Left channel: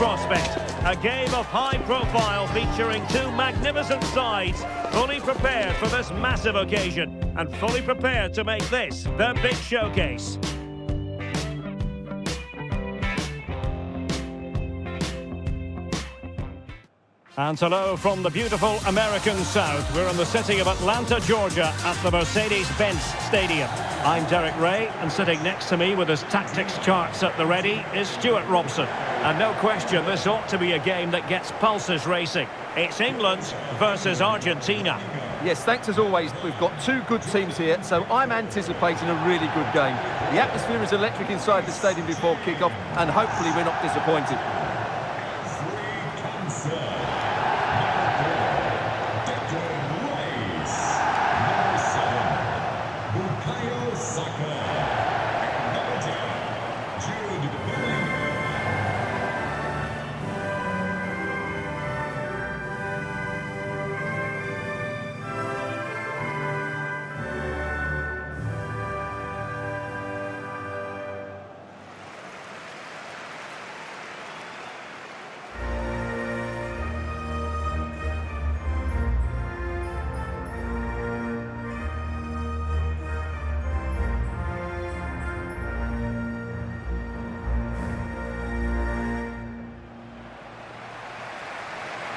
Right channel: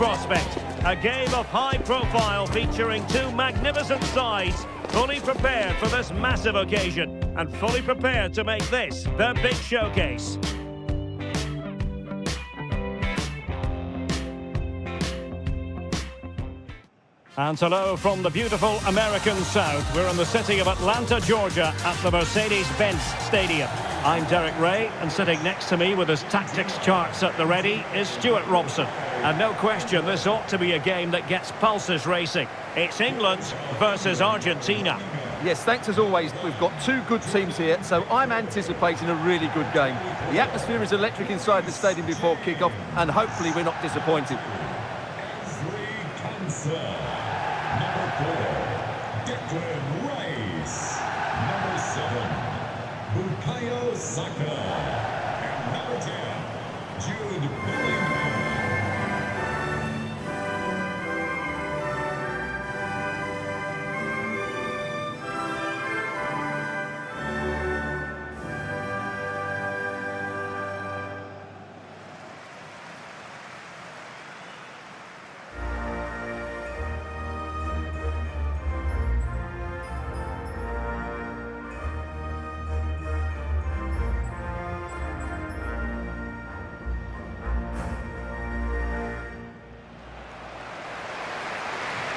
prospect. A game of high profile featuring two magnificent sides, fully prepared for this massive occasion and fully prepared to make this their big showcase. And hello from the beautiful American South. We're in the city of Atlanta, Georgia, at the Mercedes-Benz Stadium. I'm Derek Ray, and sitting next to me with his tactics charts at the ready is Stuart Robson. And no question, this ought to be a game that gets pulses racing. It's England versus Argentina. Yes, thanks as always. We've got two good teams here, so I'm anticipating a really good game. The atmosphere is electric inside the stadium before kick-off, and hopefully we're not disappointed.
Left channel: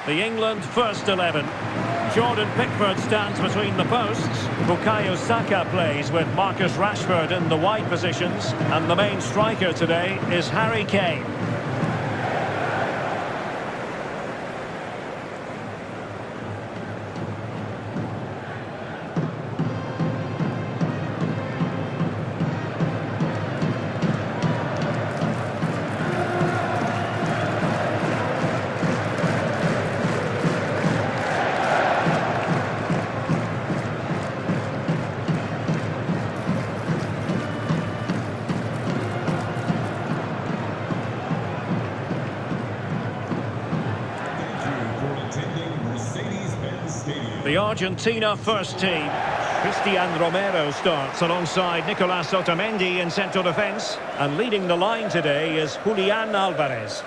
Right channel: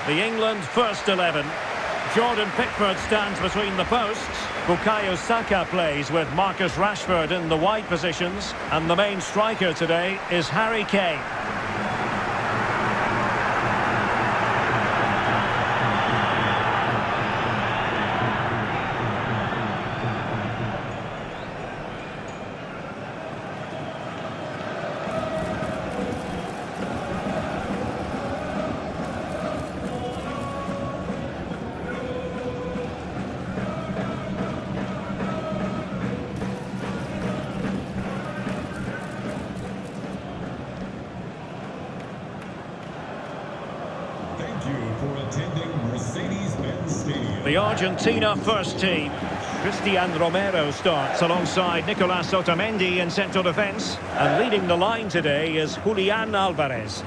The England first 11. Jordan Pickford stands between the posts. Bukayo Saka plays with Marcus Rashford in the wide positions. And the main striker today is Harry Kane. For attending Mercedes-Benz Stadium. The Argentina first team. Christian Romero starts alongside Nicolas Otamendi in central defence. And leading the line today is Julian Alvarez.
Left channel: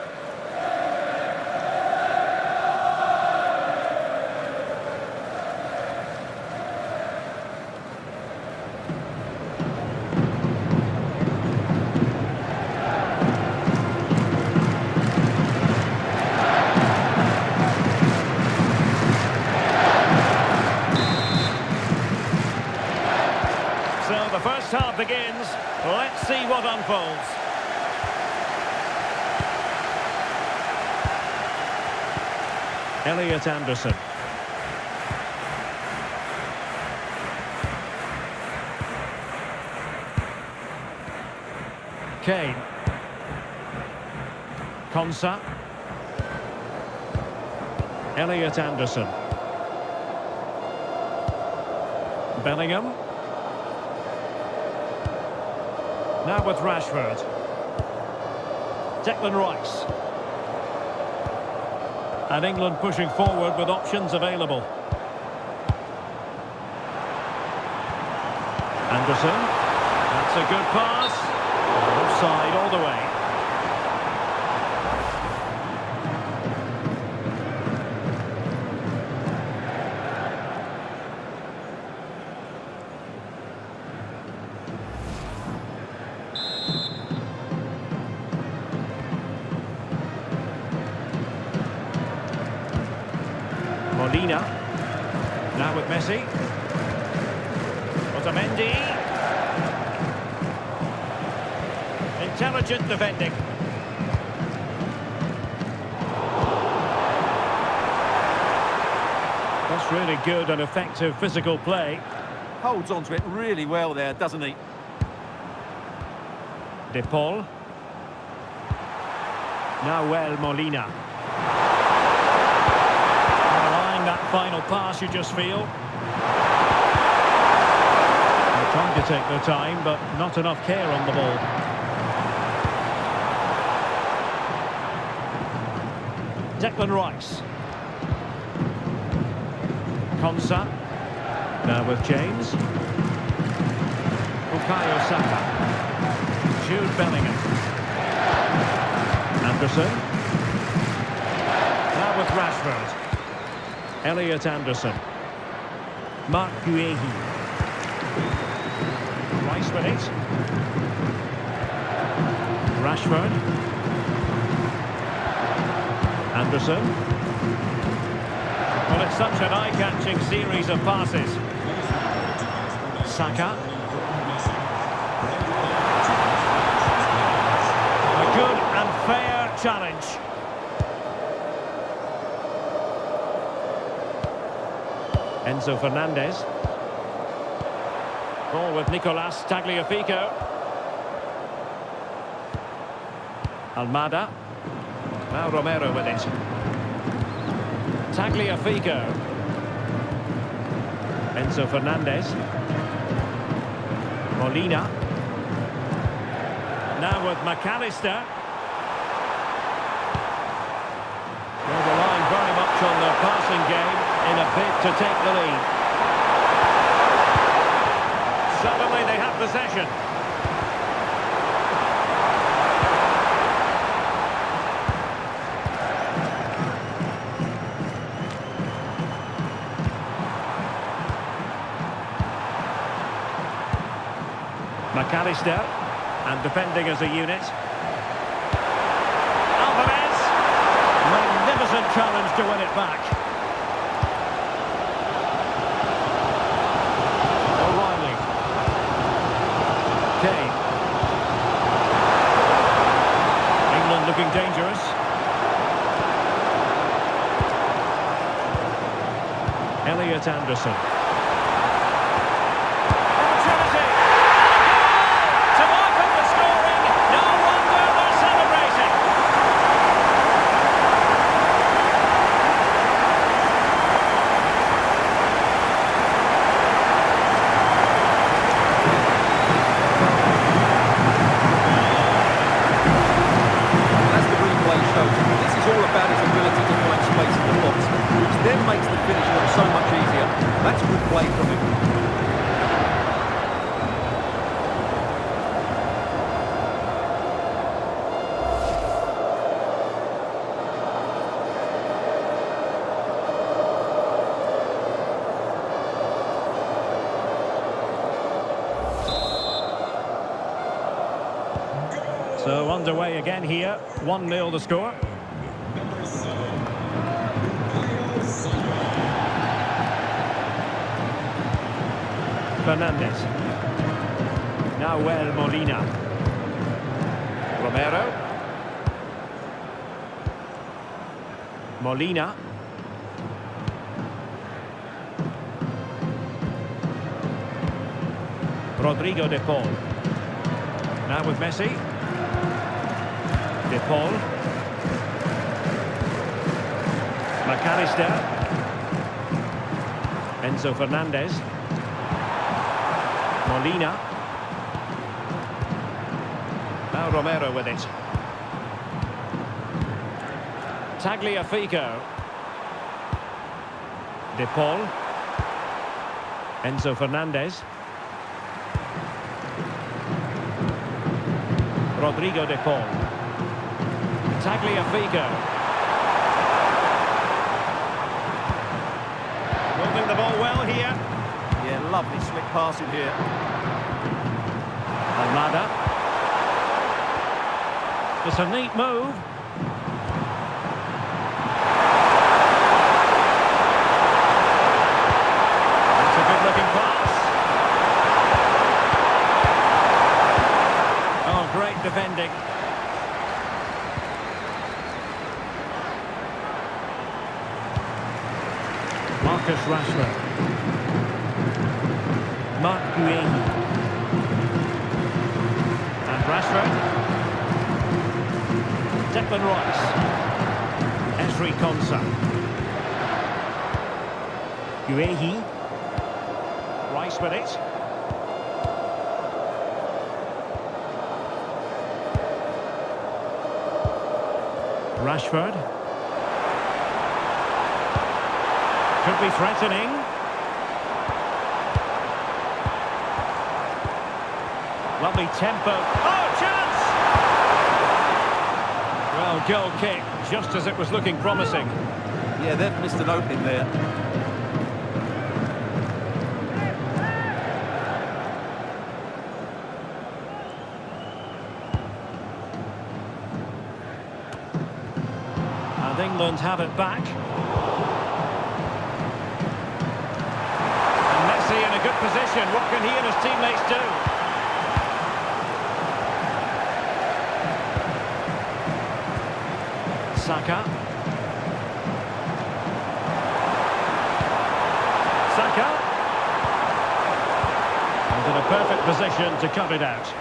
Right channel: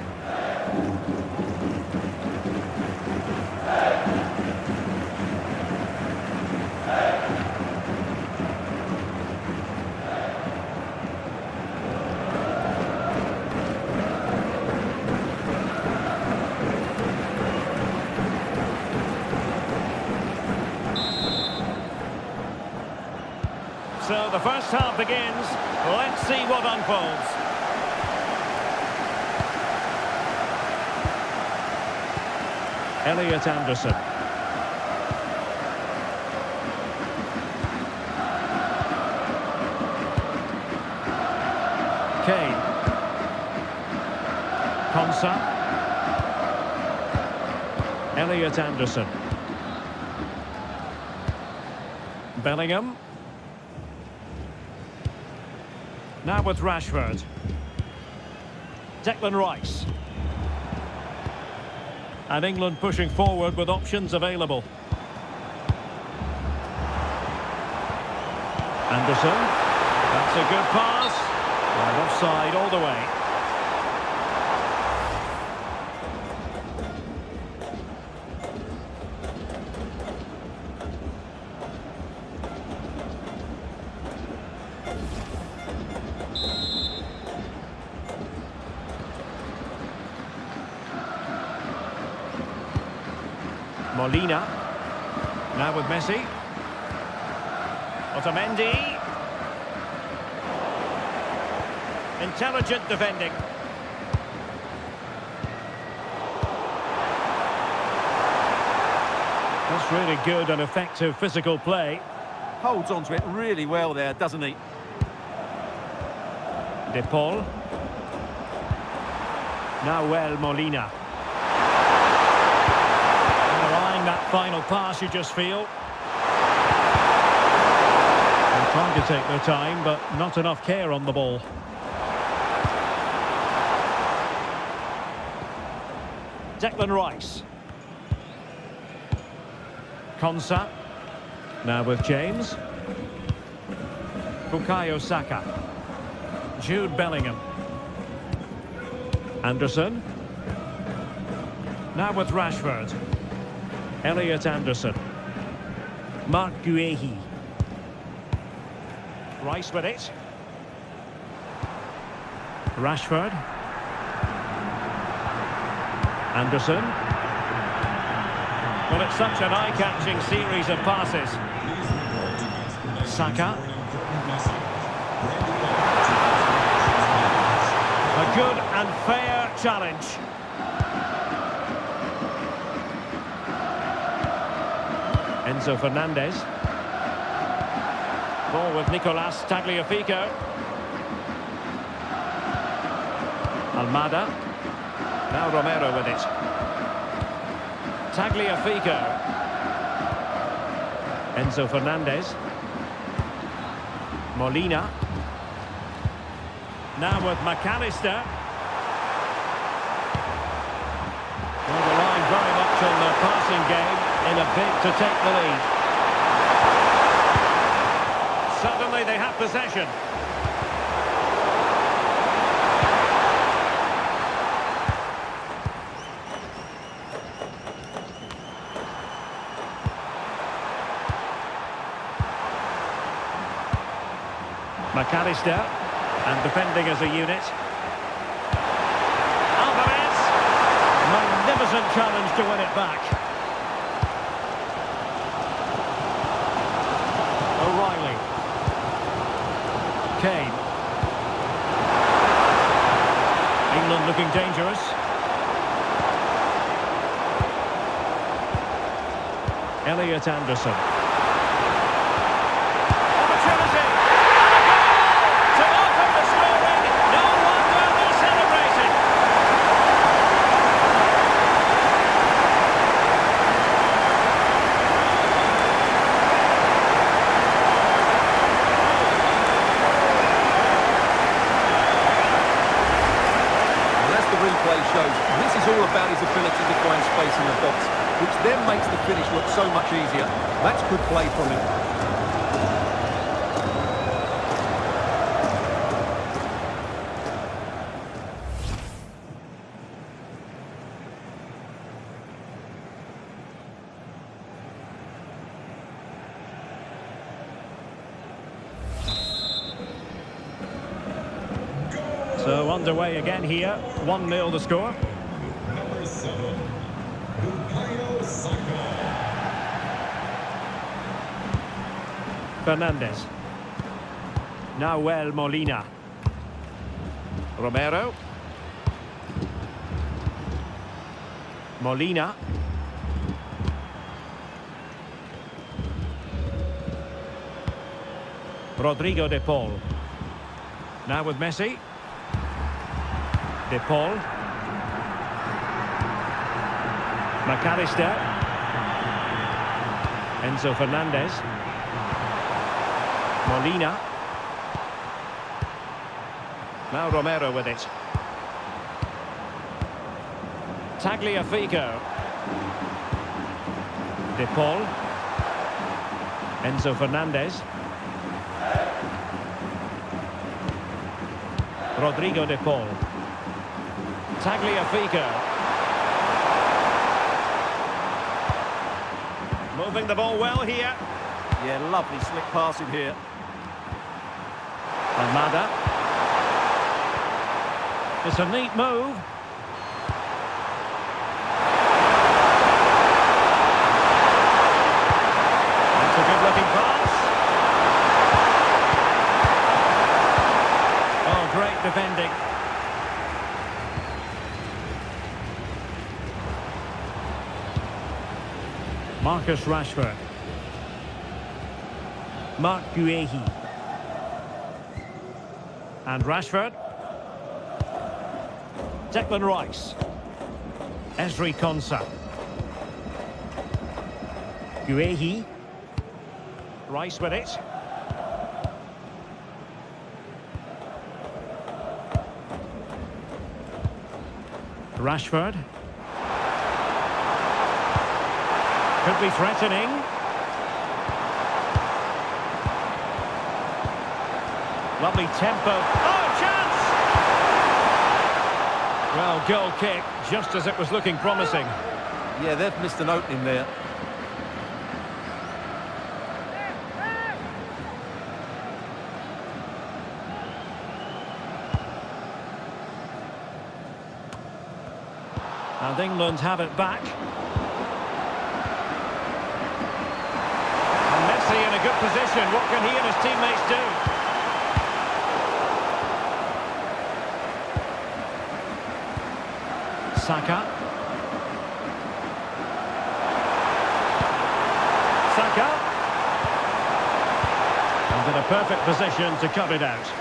So the first half begins. Let's see what unfolds. Elliot Anderson. Kane. Konsa. Elliot Anderson. Bellingham. Now with Rashford. Declan Rice. And England pushing forward with options available. Anderson. That's a good pass. And offside all the way. Molina. Now with Messi. Otamendi. Intelligent defending. That's really good and effective physical play. Holds on to it really well there, doesn't he? De Paul. Nahuel Molina. That final pass, you just feel. They're trying to take their time, but not enough care on the ball. Declan Rice. Konsa. Now with James. Bukayo Saka. Jude Bellingham. Anderson. Now with Rashford. Elliot Anderson. Mark Guehi. Rice with it. Rashford. Anderson. Well, it's such an eye-catching series of passes. Saka. A good and fair challenge. Enzo Fernandez. Ball with Nicolas Tagliafico. Almada. Now Romero with it. Tagliafico. Enzo Fernandez. Molina. Now with McAllister. Well, relying very much on the passing game in a bid to take the lead. Suddenly they have possession. McAllister, and defending as a unit. Alvarez, magnificent challenge to win it back. O'Reilly. Kane. England looking dangerous. Elliot Anderson. Opportunity! To open the scoring, no wonder they're celebrating. As the replay shows, this is all about his ability to find space in the box, which then makes the finish look so much easier. That's good play from him. So underway again here, 1-0 the score. Number 7, Bukayo Saka. Fernandez. Nahuel Molina. Romero. Molina. Rodrigo de Paul. Now with Messi. De Paul. McAllister. Enzo Fernandez. Molina. Now Romero with it. Tagliafico. De Paul. Enzo Fernandez. Rodrigo de Paul. Tagliafico. Moving the ball well here. Yeah, lovely slick passing here. Almada. It's a neat move. That's a good-looking pass. Oh, great defending. Marcus Rashford. Mark Guehi. And Rashford. Declan Rice. Esri Konsa. Guehi. Rice with it. Rashford. Could be threatening. Lovely tempo. Oh, chance! Well, goal kick just as it was looking promising. Yeah, they've missed an opening there. And England have it back. And Messi in a good position. What can he and his teammates do? Saka. Saka. And in a perfect position to cut it out.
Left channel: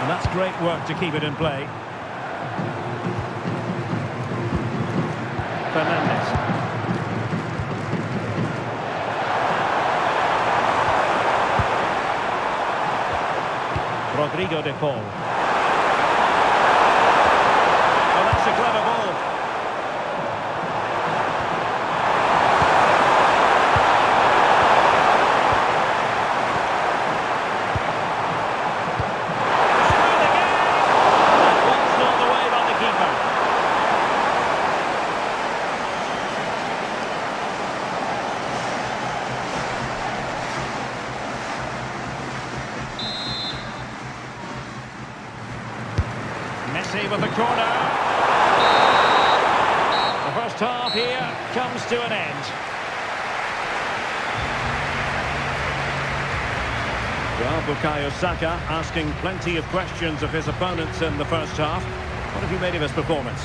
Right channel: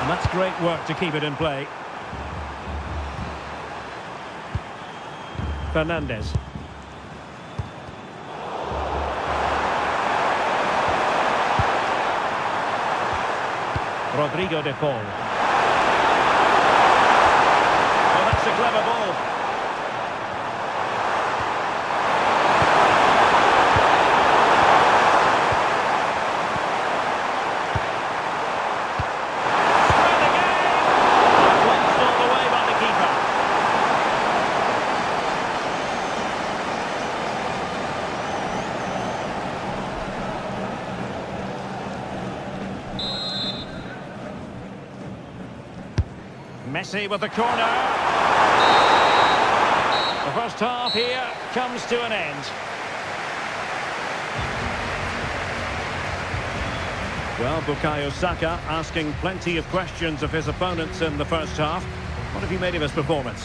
And that's great work to keep it in play. Fernandes. Rodrigo de Paul. Well, that's a clever ball. Messi with the corner. The first half here comes to an end. Well, Bukayo Saka asking plenty of questions of his opponents in the first half. What have you made of his performance?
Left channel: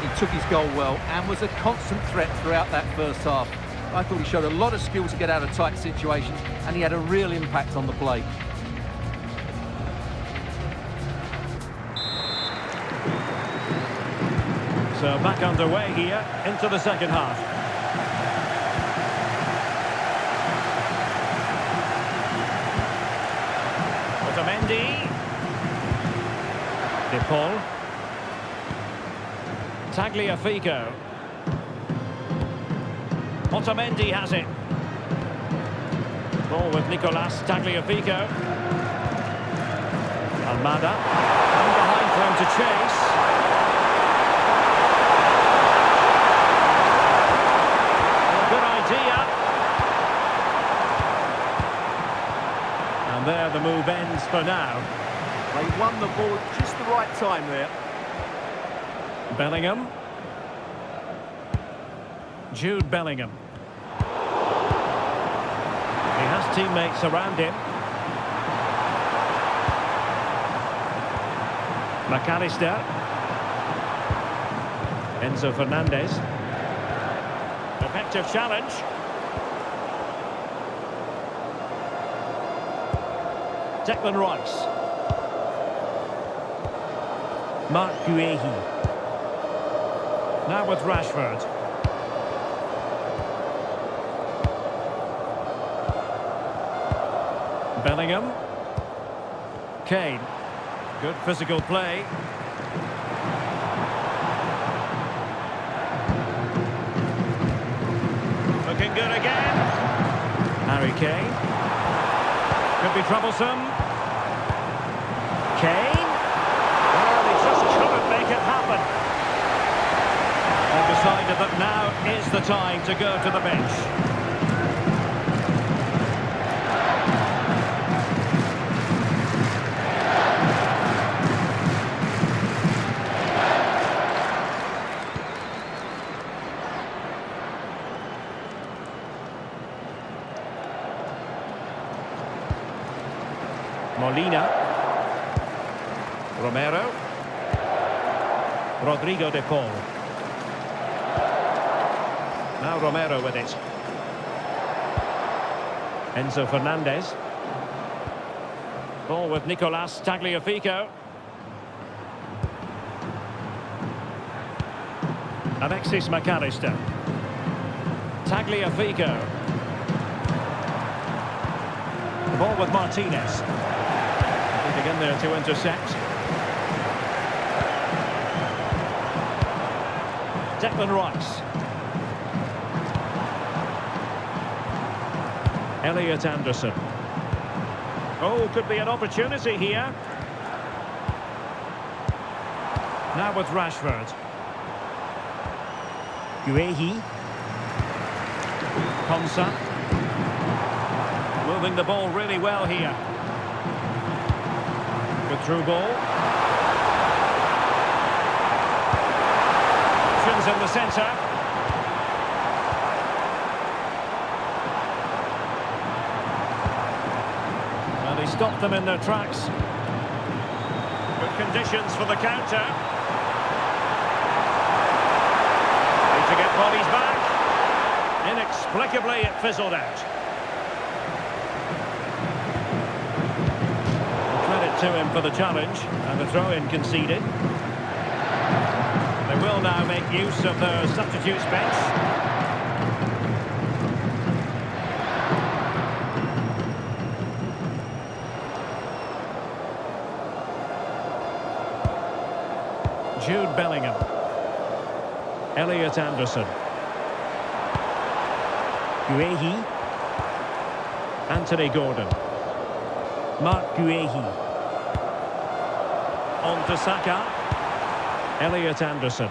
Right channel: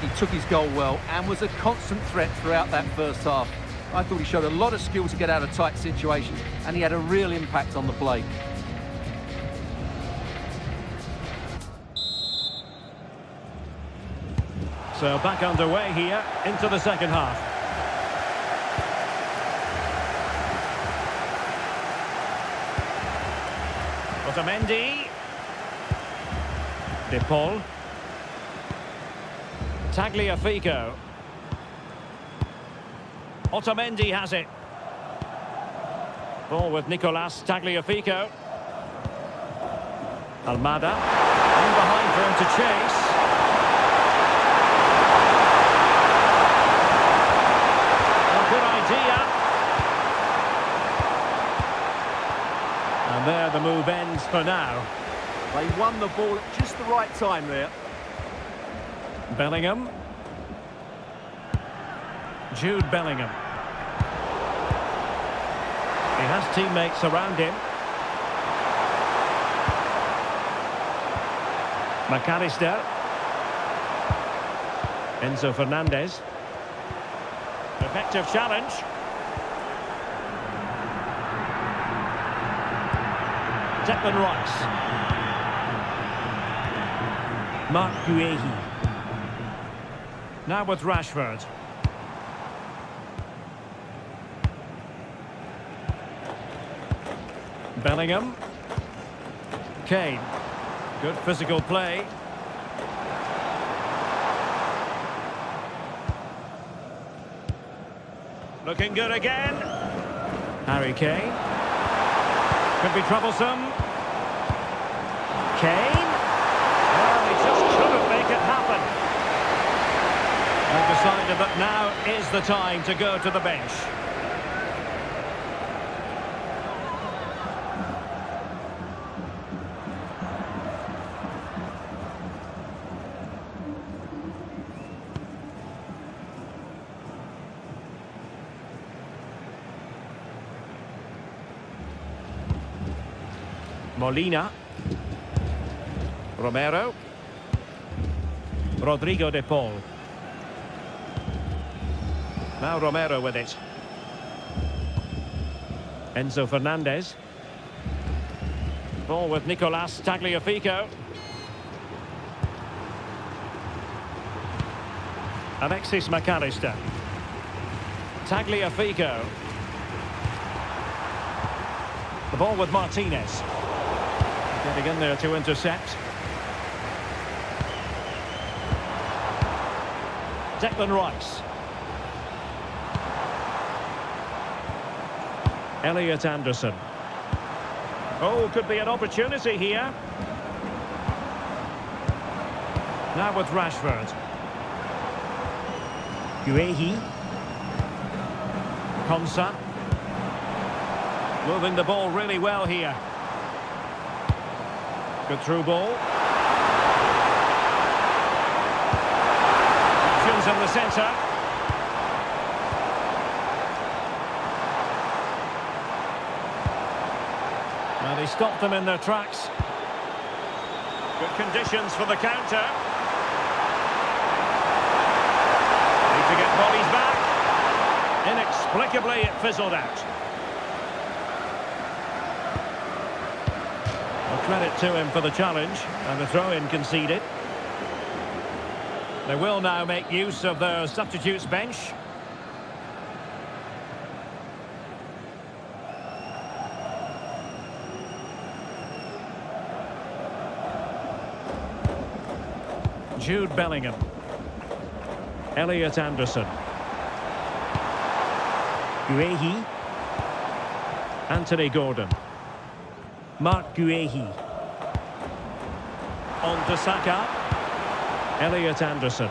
He took his goal well and was a constant threat throughout that first half. I thought he showed a lot of skill to get out of tight situations, and he had a real impact on the play. So back underway here into the second half. Otamendi. De Paul. Tagliafico. Otamendi has it. Ball with Nicolas Tagliafico. Almada. In behind for him to chase. Good idea. And there the move ends for now. They won the ball at just the right time there. Bellingham. Jude Bellingham. He has teammates around him. McAllister. Enzo Fernandez. Effective challenge. Declan Rice. Mark Guehi. Now with Rashford. Bellingham. Kane. Good physical play. Looking good again. Harry Kane. Could be troublesome. Kane. Well, he just couldn't make it happen. They've decided that now is the time to go to the bench. Molina. Romero. Rodrigo de Paul. Now Romero with it. Enzo Fernandez. Ball with Nicolas Tagliafico. Alexis McAllister. Tagliafico. The ball with Martinez. Getting in there to intercept. Declan Rice. Elliot Anderson. Oh, could be an opportunity here. Now with Rashford. Guehi. Konsa. Moving the ball really well here. Good through ball. Options in the centre. Well, he stopped them in their tracks. Good conditions for the counter. Need to get bodies back. Inexplicably, it fizzled out. Well, credit to him for the challenge, and the throw-in conceded. They will now make use of their substitutes bench. Jude Bellingham. Elliot Anderson. Guehi. Anthony Gordon. Mark Guehi. On to Saka. Elliot Anderson.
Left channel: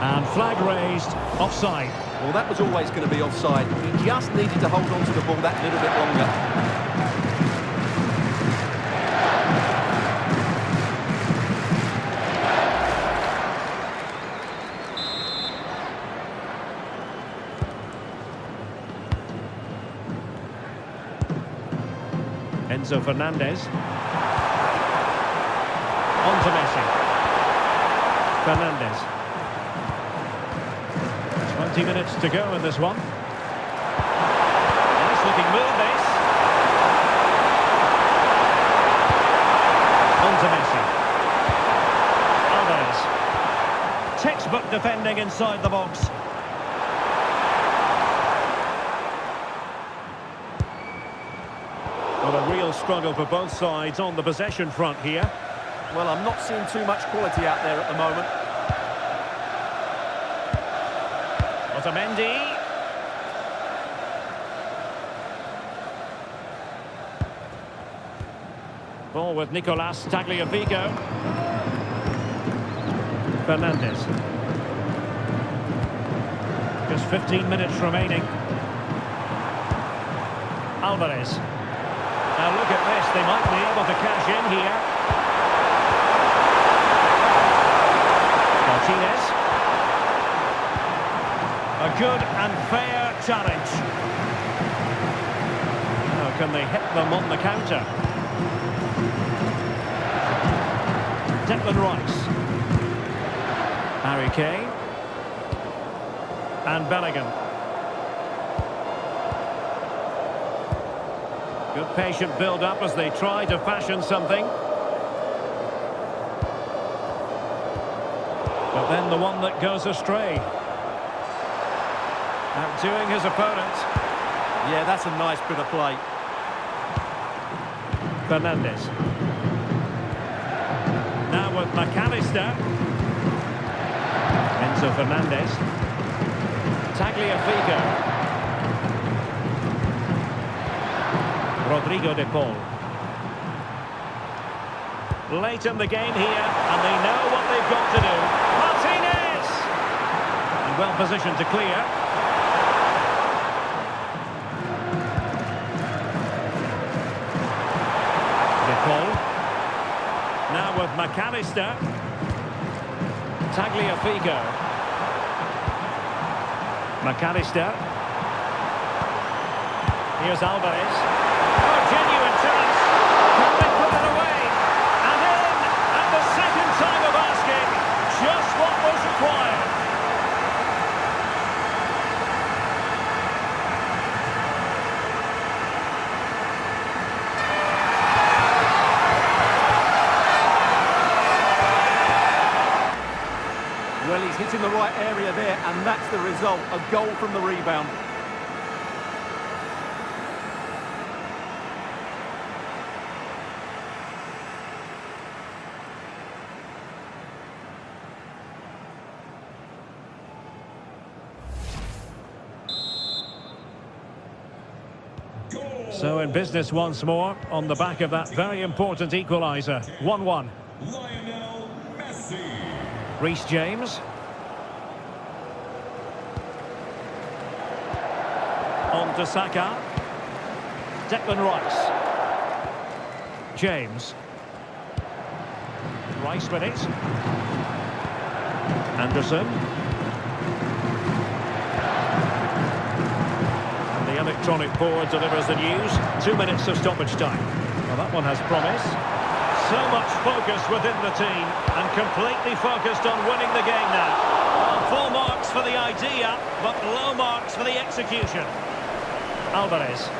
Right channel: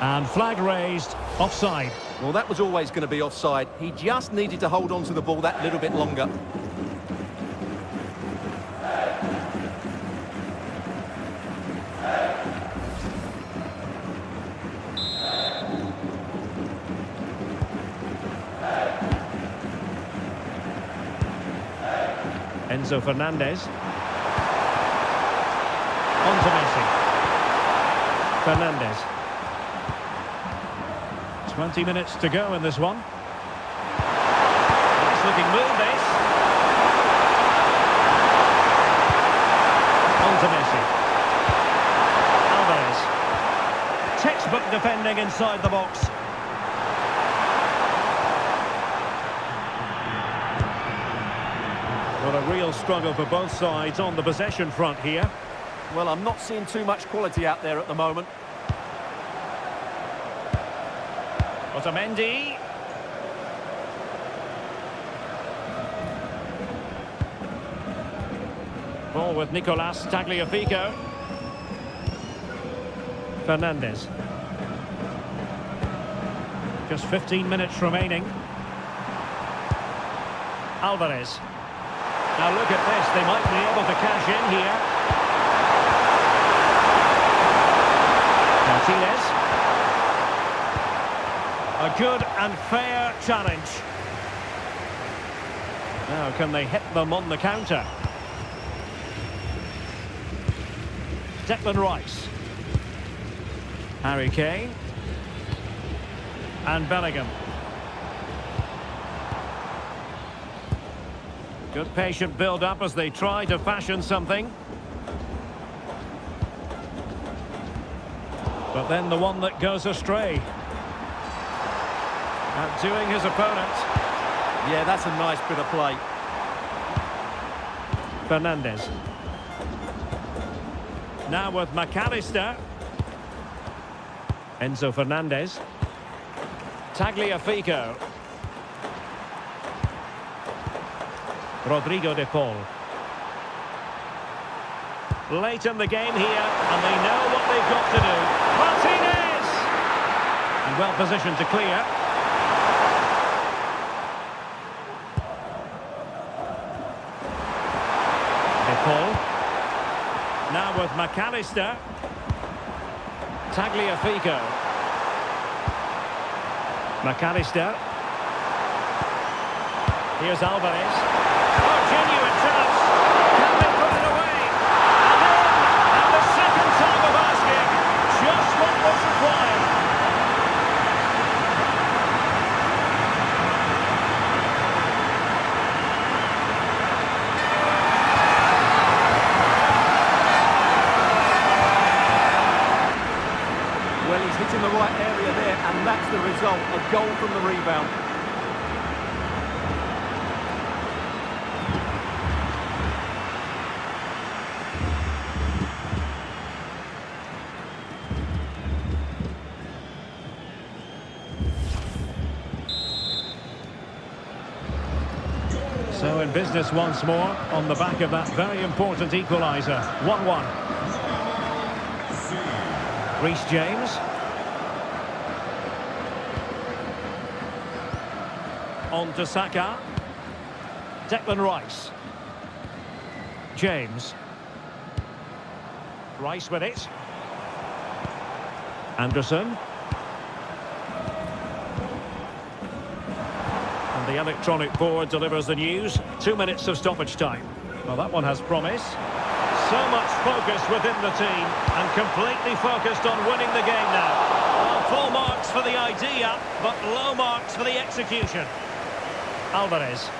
And flag raised, offside. Well, that was always going to be offside. He just needed to hold on to the ball that little bit longer. Enzo Fernandez. On to Messi. Fernandez. 20 minutes to go in this one. Nice looking move, this. On to Messi. Alvarez. Textbook defending inside the box. Well, a real struggle for both sides on the possession front here. Well, I'm not seeing too much quality out there at the moment. Otamendi. Ball with Nicolas Tagliafico. Fernandez. Just 15 minutes remaining. Alvarez. Now look at this, they might be able to cash in here. Martinez. A good and fair challenge. Now can they hit them on the counter? Declan Rice. Harry Kane. And Bellingham. Good patient build-up as they try to fashion something. But then the one that goes astray. Outdoing his opponent. Yeah, that's a nice bit of play. Fernandez. Now with McAllister. Enzo Fernandez. Tagliafico. Rodrigo de Paul. Late in the game here, and they know what they've got to do. Martinez! And well positioned to clear. De Paul. Now with McAllister. Tagliafico. McAllister. Here's Alvarez. Oh, genuine chance. Can they put it away? And in, at the second time of asking, just what was required. Well, he's hitting the right area there, and that's the result, a goal from the rebound. So in business once more on the back of that very important equaliser. 1-1. Lionel Messi. Reece James. On to Saka. Declan Rice. James. Rice with it. Anderson. And the electronic board delivers the news. 2 minutes of stoppage time. Well, that one has promise. So much focus within the team and completely focused on winning the game now. Well, full marks for the idea, but low marks for the execution. Alvarez.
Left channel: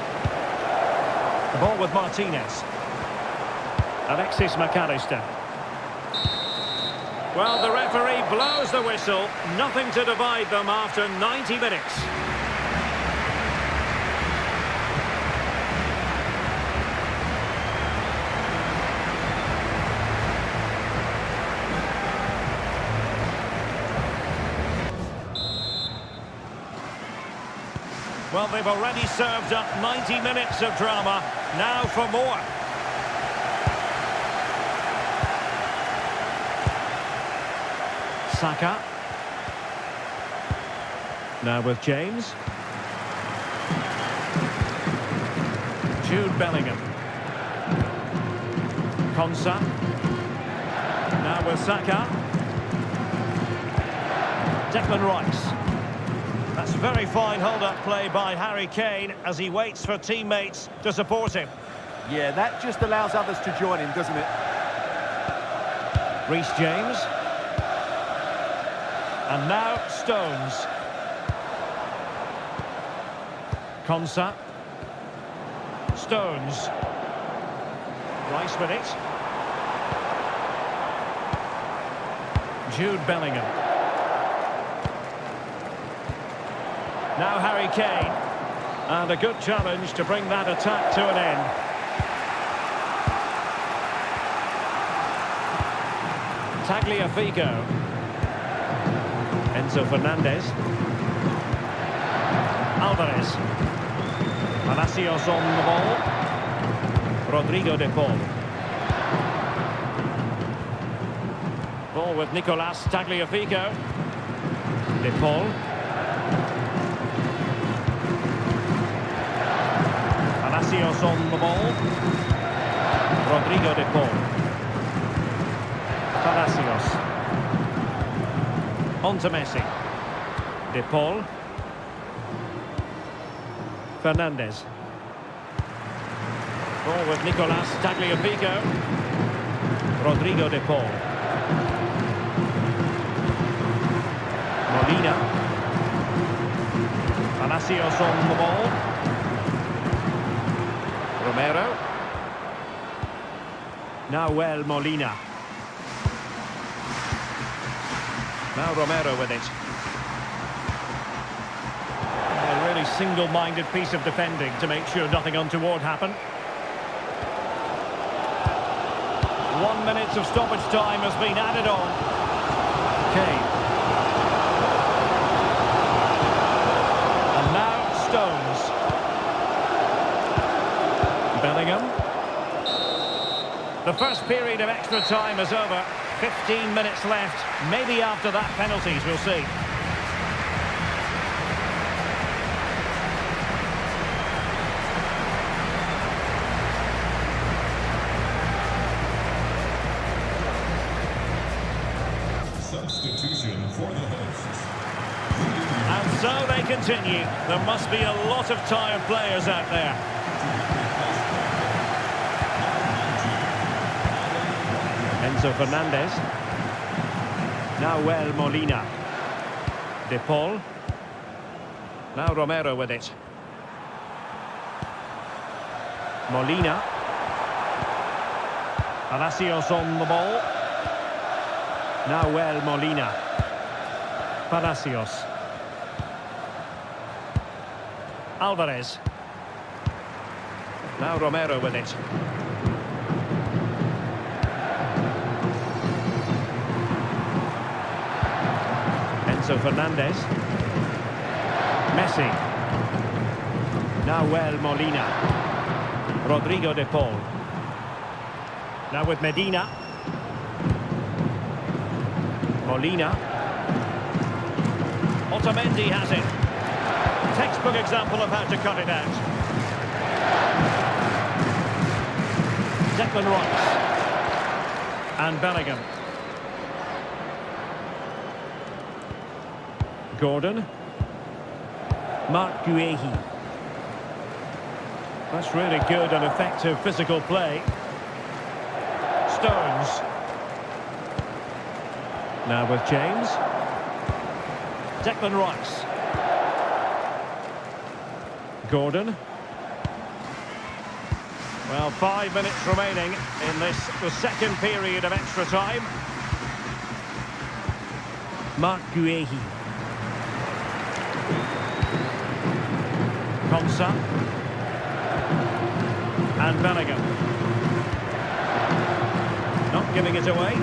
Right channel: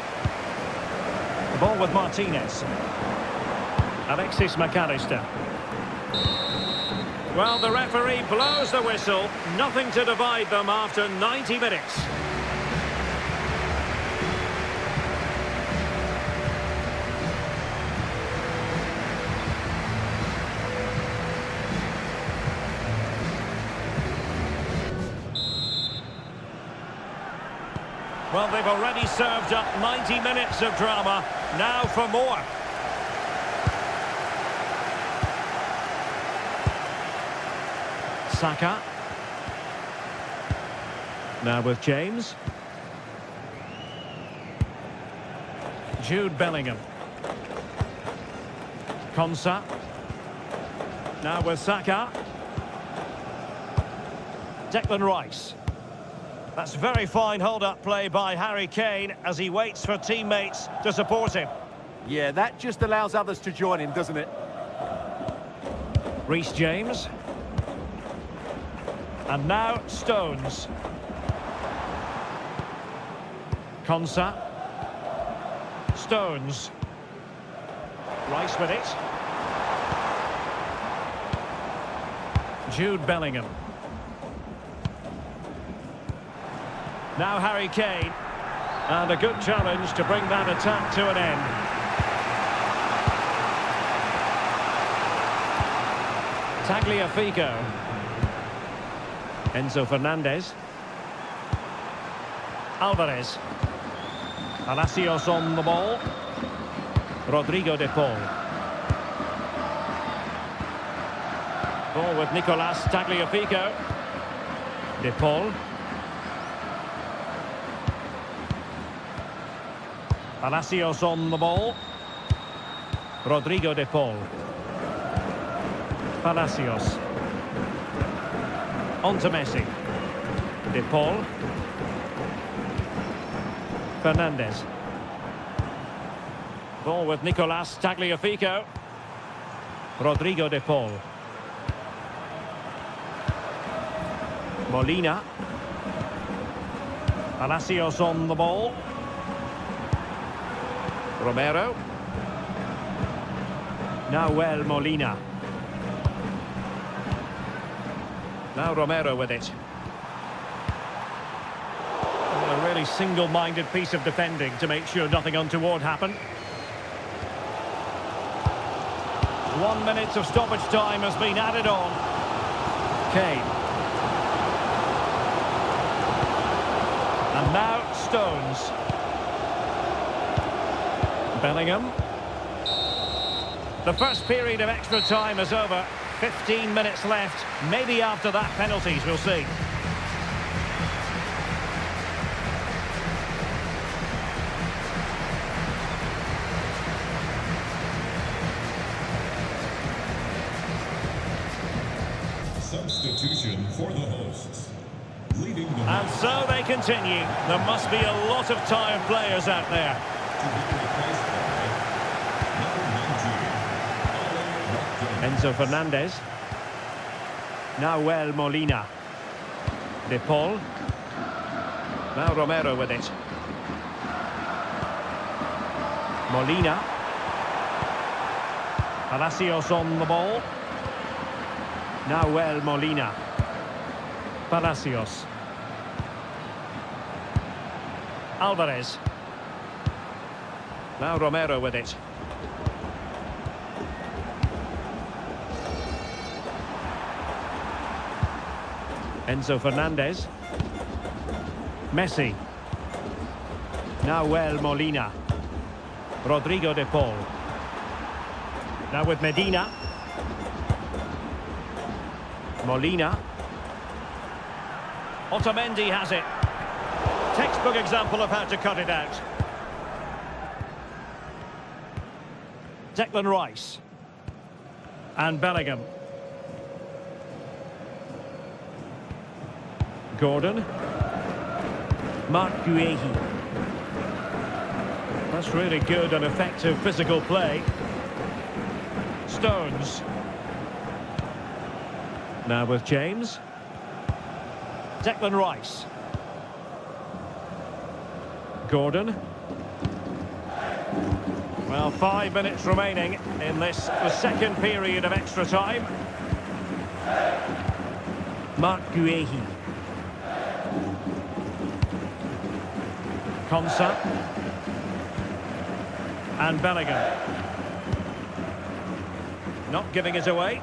The ball with Martinez. Alexis McAllister. Well, the referee blows the whistle. Nothing to divide them after 90 minutes. Well, they've already served up 90 minutes of drama. Now for more. Saka. Now with James. Jude Bellingham. Konsa. Now with Saka. Declan Rice. That's very fine hold-up play by Harry Kane as he waits for teammates to support him. Yeah, that just allows others to join him, doesn't it? Reece James. And now Stones. Konsa. Stones. Rice with it. Jude Bellingham. Now Harry Kane. And a good challenge to bring that attack to an end. Tagliafico. Enzo Fernandez. Alvarez. Palacios on the ball. Rodrigo de Paul. Ball with Nicolas Tagliafico. De Paul. Palacios on the ball. Rodrigo de Paul. Palacios. On to Messi. De Paul. Fernandez. Ball with Nicolas Tagliafico. Rodrigo de Paul. Molina. Palacios on the ball. Romero. Nahuel Molina. Now Romero with it. A really single-minded piece of defending to make sure nothing untoward happened. 1 minute of stoppage time has been added on. Kane. And now Stones. Bellingham. The first period of extra time is over. 15 minutes left. Maybe after that, penalties, we'll see. Substitution for the hosts. And so they continue. There must be a lot of tired players out there. To be replaced by number 19, Enzo Fernandez. Nahuel Molina. De Paul. Now Romero with it. Molina. Palacios on the ball. Nahuel Molina. Palacios. Alvarez. Now Romero with it. Enzo Fernandez. Messi. Nahuel Molina. Rodrigo de Paul. Now with Medina. Molina. Otamendi has it. Textbook example of how to cut it out. Declan Rice. And Bellingham. Gordon. Marc Guehi. That's really good and effective physical play. Stones. Now with James. Declan Rice. Gordon. Well, 5 minutes remaining in this, the second period of extra time. Marc Guehi. Konsa. And Bellingham. Not giving it away.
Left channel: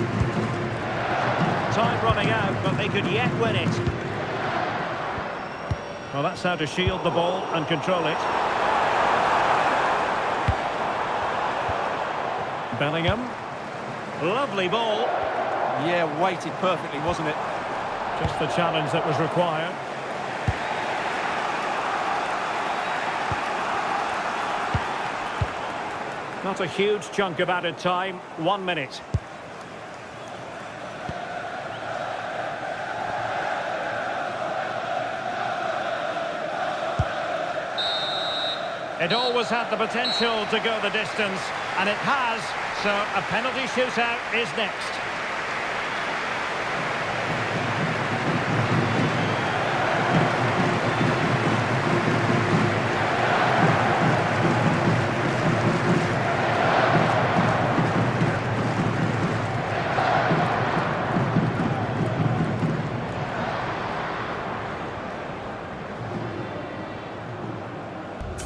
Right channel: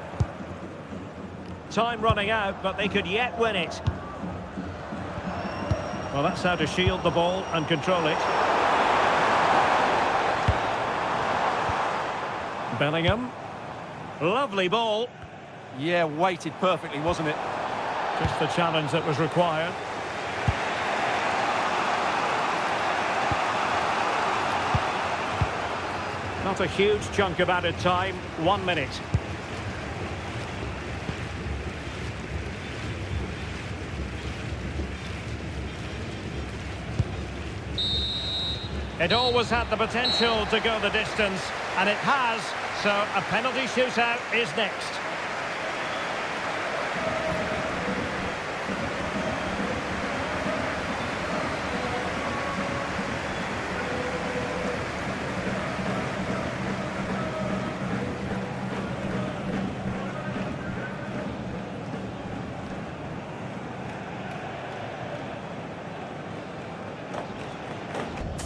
Time running out, but they could yet win it. Well, that's how to shield the ball and control it. Bellingham. Lovely ball. Yeah, weighted perfectly, wasn't it? Just the challenge that was required. Not a huge chunk of added time. 1 minute. It always had the potential to go the distance, and it has, so a penalty shootout is next.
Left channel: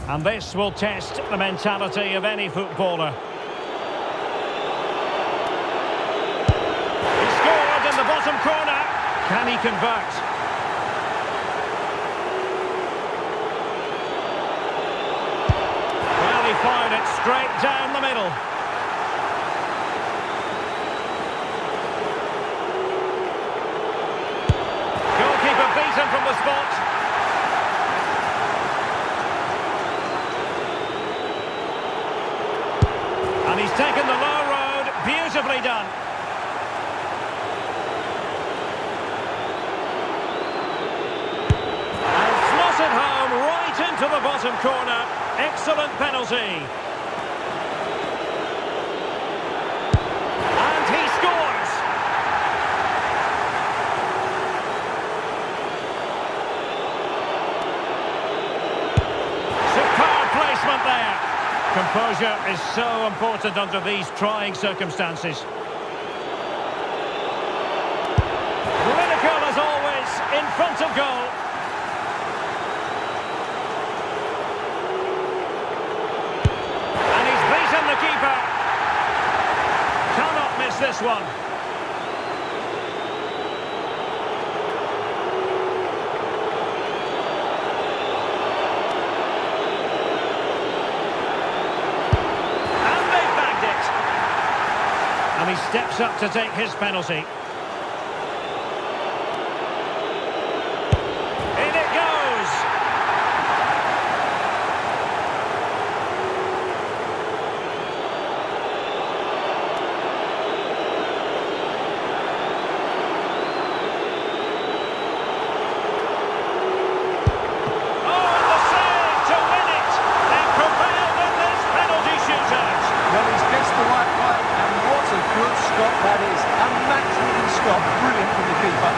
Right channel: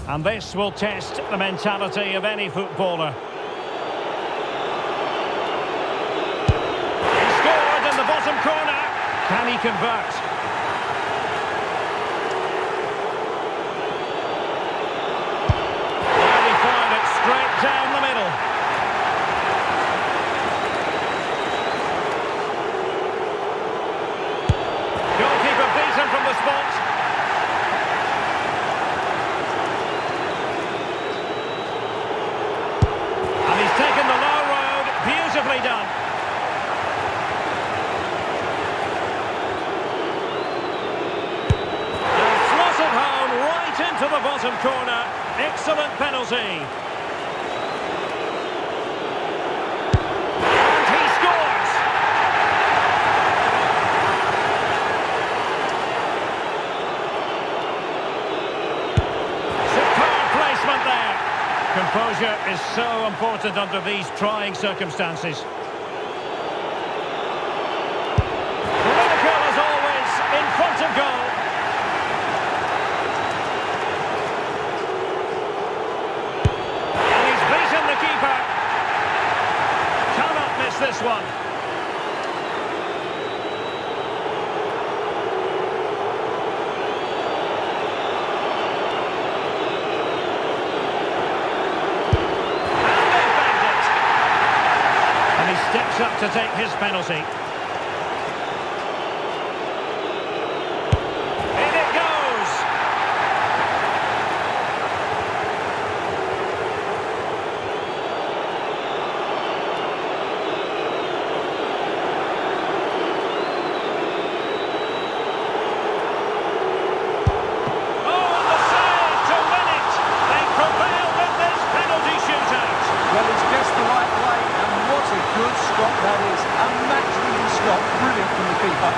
And this will test the mentality of any footballer. He scored in the bottom corner. Can he convert? Well, he fired it straight down the middle. Goalkeeper beaten from the spot. And he's taken the low road, beautifully done. And slotted home right into the bottom corner. Excellent penalty. And he scores. Superb placement there. Composure is so important under these trying circumstances. Clinical as always, in front of goal. And he's beaten the keeper. Cannot miss this one. And he steps up to take his penalty. In it goes! Oh, and the save to win it! They prevailed in this penalty shootout. Well, he's guessed the right way, and what a good stop that is. A match-winning stop, brilliant from the keeper.